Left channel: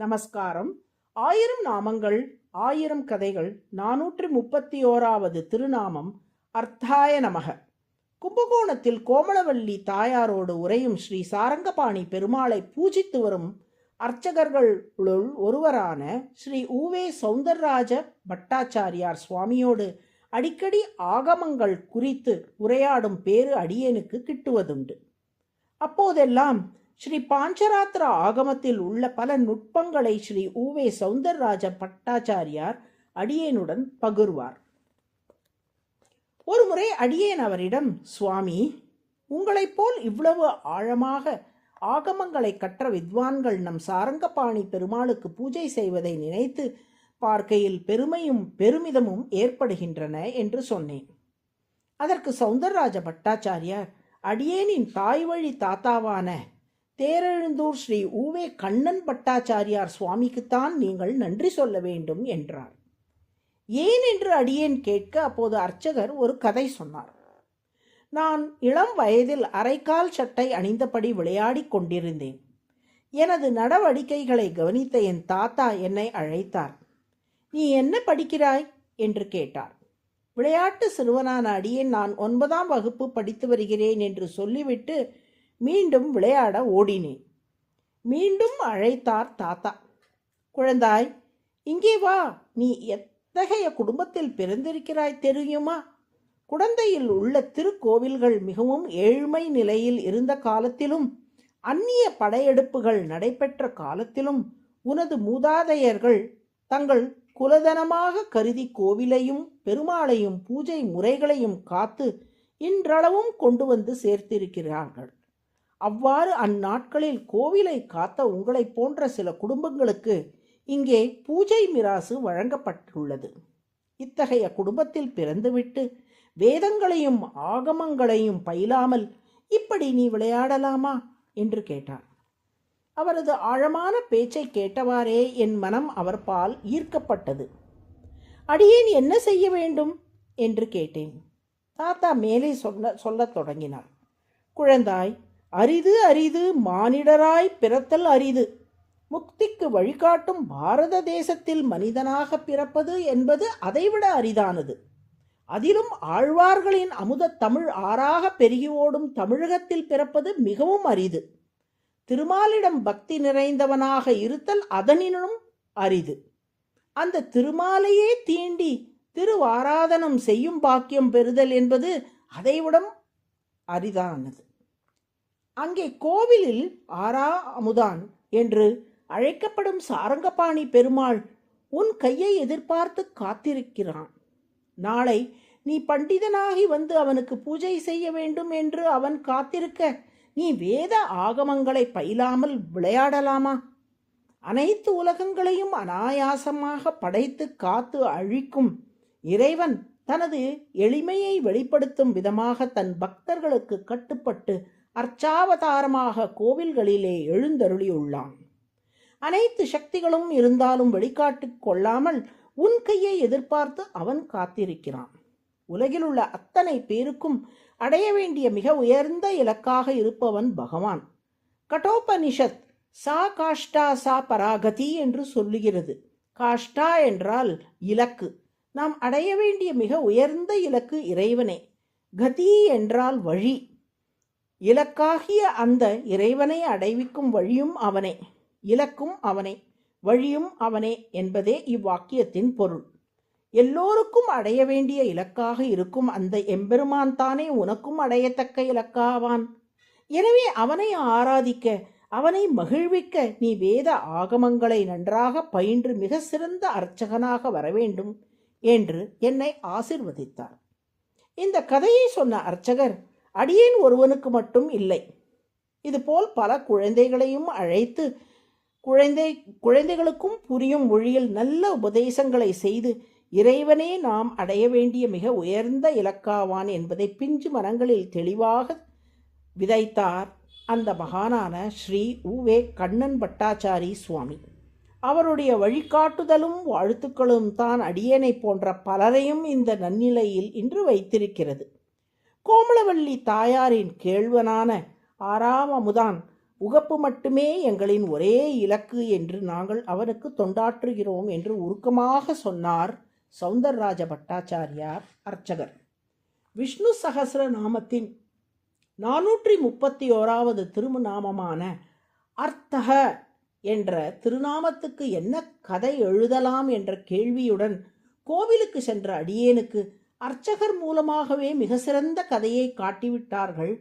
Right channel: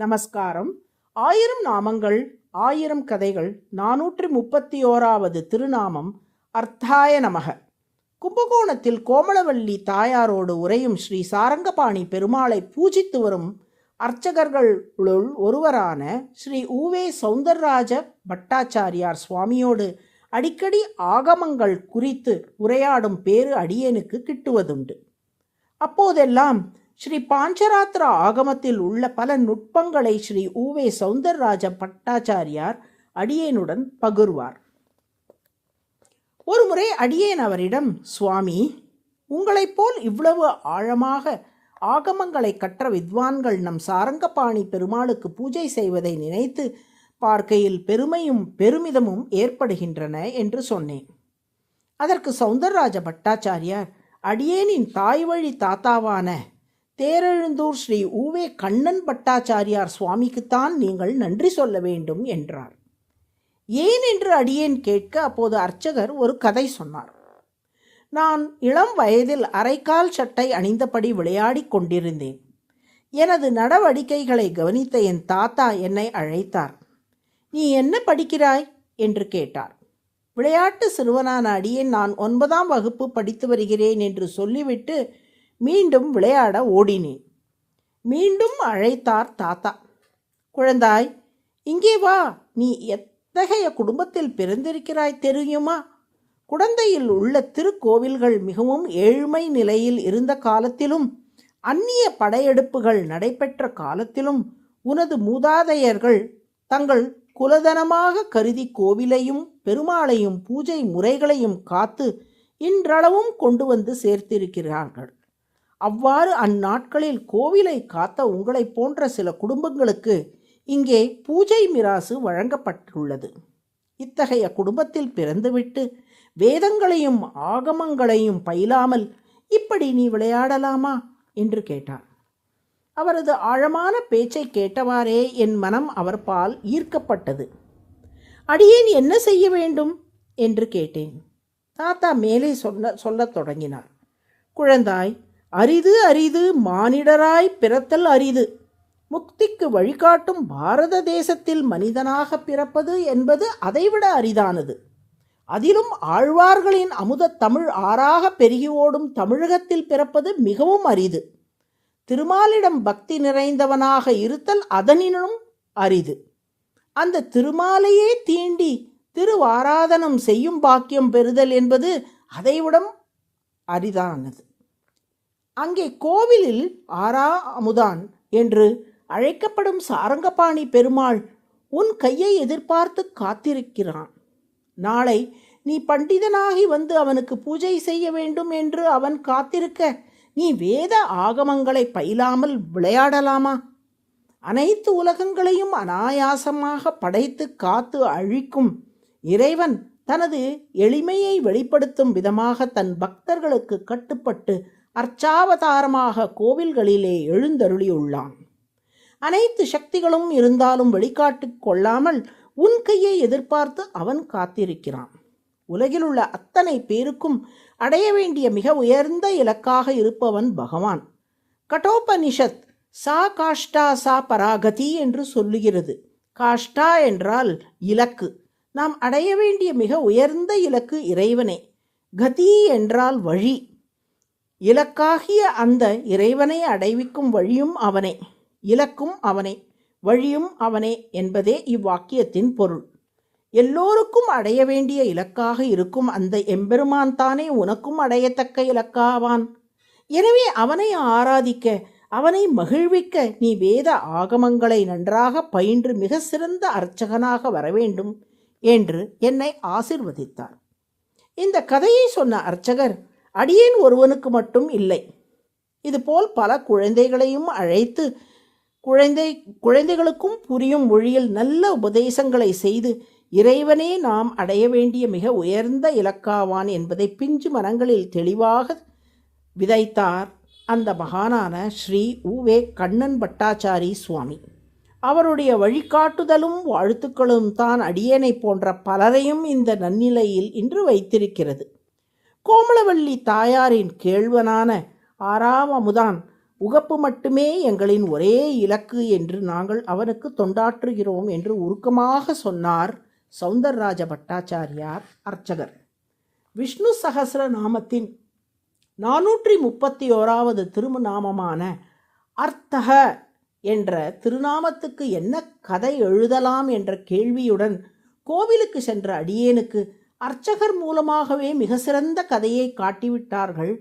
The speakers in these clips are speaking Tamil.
நமஸ்காரம். ஆயிரம் நாமங்கள் ஆயிரம் கதைகள் நானூற்றி முப்பத்தி ஓராவது திருநாமம் அர்த்தாய நமக. கும்பகோணத்தில் கோமளவல்லி தாயாரோடு உரையும் ஸ்ரீ சாரங்கபாணி பெருமாளை பூஜித்து வரும் அர்ச்சகர்களுள் ஒருவரான ஸ்ரீ ஊவே சௌந்தரராஜ பட்டாச்சாரியார் சுவாமியோடு அடிக்கடி ஆகமங்கள் குறித்து உரையாடும் பேறு அடியனுக்கு கிட்டுவதுண்டு. அப்போதெல்லாம் ஸ்ரீ பாஞ்சராத்திர ஆகமத்தில் உள்ள பல நுட்பங்களை ஸ்ரீ ஊவே சௌந்தரராஜ பட்டாச்சாரியார் அடியேனுடன் பகிர்வார். ஒருமுறை அடியேன் அவரிடம் சுவாமி உங்களைப் போல் இவ்வளவு ஆழமாக ஆகமங்களை கற்ற வித்வான்கள் நம் சாரங்கபாணி பெருமாளுக்கு பூஜை செய்வதை நினைத்து பார்க்கையில் பெருமையும் பெருமிதமும் ஏற்படுகின்றன என்று சொன்னேன். அதற்கு சௌந்தரராஜ பட்டாச்சாரியார் அடியேனின் தாய் வழி தாத்தாவான தேரெழுந்தூர் ஸ்ரீ ஊவே கண்ணன் பட்டாச்சாரியார் சுவாமிக்குத்தான் நீங்கள் நன்றி சொல்ல வேண்டும் என்றார் ஏன் என்று அடியேன் கேட்க அப்போது அர்ச்சகர் ஒரு கதை சொன்னார். நான் இளம் வயதில் அரைக்கால் சட்டை அணிந்தபடி விளையாடிக் கொண்டிருந்தேன். எனது நடவடிக்கைகளை கவனித்த என் தாத்தா என்னை அழைத்தார். நீ என்ன படிக்கிறாய்? என்று கேட்டார். விளையாட்டு சிறுவனான அடியேன் நான் ஒன்பதாம் வகுப்பு படித்து வருகிறேன் என்று சொல்லிவிட்டு மீண்டும் விளையாட ஓடினேன் மீண்டும் அழைத்தார் தாத்தா. குழந்தாய் இங்கே வா. நீ எத்தகைய குடும்பத்தில் பிறந்திருக்கிறாய் தெரியுமா? குடந்தையில் உள்ள திருக்கோவில்கள் மிகவும் ஏழ்மை நிலையில் இருந்த காலத்திலும் அந்நிய படையெடுப்புகள் நடைபெற்ற காலத்திலும் உனது மூதாதையர்கள் தங்கள் குலதனமாக கருதி கோவிலையும் பெருமாளையும் பூஜை முறைகளையும் காத்து இன்றளவும் கொண்டு வந்து சேர்த்திருக்கிறார்கள். அவ்வாறு அந்நாட்களில் கோவிலை காத்த உங்களைப் போன்ற சில குடும்பங்களுக்கு இங்கே பூஜை மிராசு வழங்கப்பட்டுள்ளது. இத்தகைய குடும்பத்தில் பிறந்துவிட்டு வேதங்களையும் ஆகமங்களையும் பயிலாமல் இப்படி நீ விளையாடலாமா? என்று கேட்டார். அவரது ஆழமான பேச்சை கேட்டவாறே என் மனம் அவர் பால் ஈர்க்கப்பட்டது. அடியேன் என்ன செய்ய வேண்டும்? என்று கேட்டேன். தாத்தா மேலே சொல்ல சொல்லத் தொடங்கினார். குழந்தாய் அரிது அரிது மானிடராய் பிறத்தல் அரிது. முக்திக்கு வழிகாட்டும் பாரத தேசத்தில் மனிதனாக பிறப்பது என்பது அதைவிட அரிதானது. அதிலும் ஆழ்வார்களின் அமுத தமிழ் ஆறாக பெருகி ஓடும் தமிழகத்தில் பிறப்பது மிகவும் அரிது. திருமாலிடம் பக்தி நிறைந்தவனாக இருத்தல் அதனினும் அரிது. அந்த திருமாலையே தீண்டி திருவாராதனம் செய்யும் பாக்கியம் பெறுதல் என்பது அதைவிடம் அரிதானது. அங்கே கோவிலில் ஆரா அமுதான் என்று அழைக்கப்படும் சாரங்கபாணி பெருமாள் உன் கையை எதிர்பார்த்து காத்திருக்கிறான். நாளை நீ பண்டிதனாகி வந்து அவனுக்கு பூஜை செய்ய வேண்டும் என்று அவன் காத்திருக்க நீ வேத ஆகமங்களை பயிலாமல் விளையாடலாமா? அனைத்து உலகங்களையும் அனாயாசமாக படைத்து காத்து அழிக்கும் இறைவன் தனது எளிமையை வெளிப்படுத்தும் விதமாக தன் பக்தர்களுக்கு கட்டுப்பட்டு அர்ச்சாவதாரமாக கோவில்களிலே எழுந்தருளியுள்ளான். அனைத்து சக்திகளும் இருந்தாலும் வெளிக்காட்டு கொள்ளாமல் உன் கையை எதிர்பார்த்து அவன் காத்திருக்கிறான். உலகிலுள்ள அத்தனை பேருக்கும் அடைய வேண்டிய மிக உயர்ந்த இலக்காக இருப்பவன் பகவான். கட்டோபனிஷத் சா காஷ்டா சா பராகதி என்று சொல்லுகிறது. காஷ்டா என்றால் இலக்கு. நாம் அடைய வேண்டிய மிக உயர்ந்த இலக்கு இறைவனே. கதி என்றால் வழி. இலக்காகிய அந்த இறைவனை அடைவிக்கும் வழியும் அவனே இலக்கும் அவனே வழியும் அவனே என்பதே இவ்வாக்கியத்தின் பொருள். எல்லோருக்கும் அடைய வேண்டிய இலக்காக இருக்கும் அந்த எம்பெருமான் தானே உனக்கும் அடையத்தக்க இலக்காவான். எனவே அவனை ஆராதிக்க அவனை மகிழ்விக்க நீ வேத ஆகமங்களை நன்றாக பயின்று மிக சிறந்த அர்ச்சகனாக வரவேண்டும் என்று என்னை ஆசிர்வதித்தார். இந்த கதையை சொன்ன அர்ச்சகர் அடியேன் ஒருவனுக்கு மட்டும் இல்லை. இதுபோல் பல குழந்தைகளையும் அழைத்து குழந்தை குழந்தைகளுக்கும் புரியும் மொழியில் நல்ல உபதேசங்களை செய்து இறைவனே நாம் அடைய வேண்டிய மிக உயர்ந்த இலக்காவான் என்பதை பிஞ்சு மனங்களில் தெளிவாக விதைத்தார் அந்த மகானான ஸ்ரீ உவே கண்ணன் பட்டாச்சாரி சுவாமி. அவருடைய வழிகாட்டுதலும் வாழ்த்துக்களும் தான் அடியேனை போன்ற பலரையும் இந்த நன்னிலையில் இன்று வைத்திருக்கிறது. கோமளவள்ளி தாயாரின் கேழ்வனான ஆறாமமுதான் உகப்பு மட்டுமே எங்களின் ஒரே இலக்கு என்று நாங்கள் அவனுக்கு தொண்டாற்றுகிறோம் என்று உருக்கமாக சொன்னார் சௌந்தரராஜ பட்டாச்சாரியார் அர்ச்சகர். விஷ்ணு சகசர நாமத்தின் நானூற்றி முப்பத்தி ஓராவது திருநாமமான அர்த்தக என்ற திருநாமத்துக்கு என்ன கதை எழுதலாம் என்ற கேள்வியுடன் கோவிலுக்கு சென்ற அடியேனுக்கு அர்ச்சகர் மூலமாகவே மிக சிறந்த கதையை காட்டிவிட்டார்கள்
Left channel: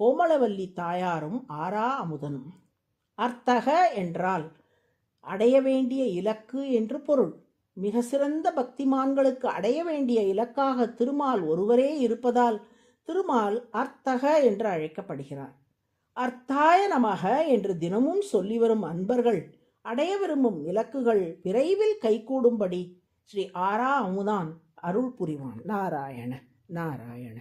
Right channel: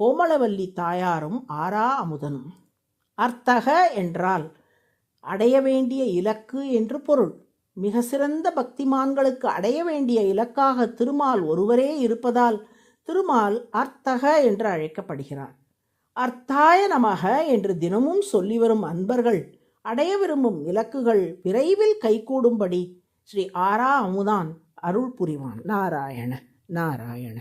கோமலவல்லி தாயாரும் ஆரா அமுதனும். அர்த்தக என்றால் அடைய வேண்டிய இலக்கு என்று பொருள். மிக சிறந்த பக்திமான்களுக்கு அடைய வேண்டிய இலக்காக திருமால் ஒருவரே இருப்பதால் திருமால் அர்த்தக என்று அழைக்கப்படுகிறார் அர்த்தாய நமக என்று தினமும் சொல்லி வரும் அன்பர்கள் அடைய விரும்பும் இலக்குகள் விரைவில் கைகூடும்படி ஸ்ரீ ஆரா அமுதான் அருள் புரிவான் நாராயண நாராயண.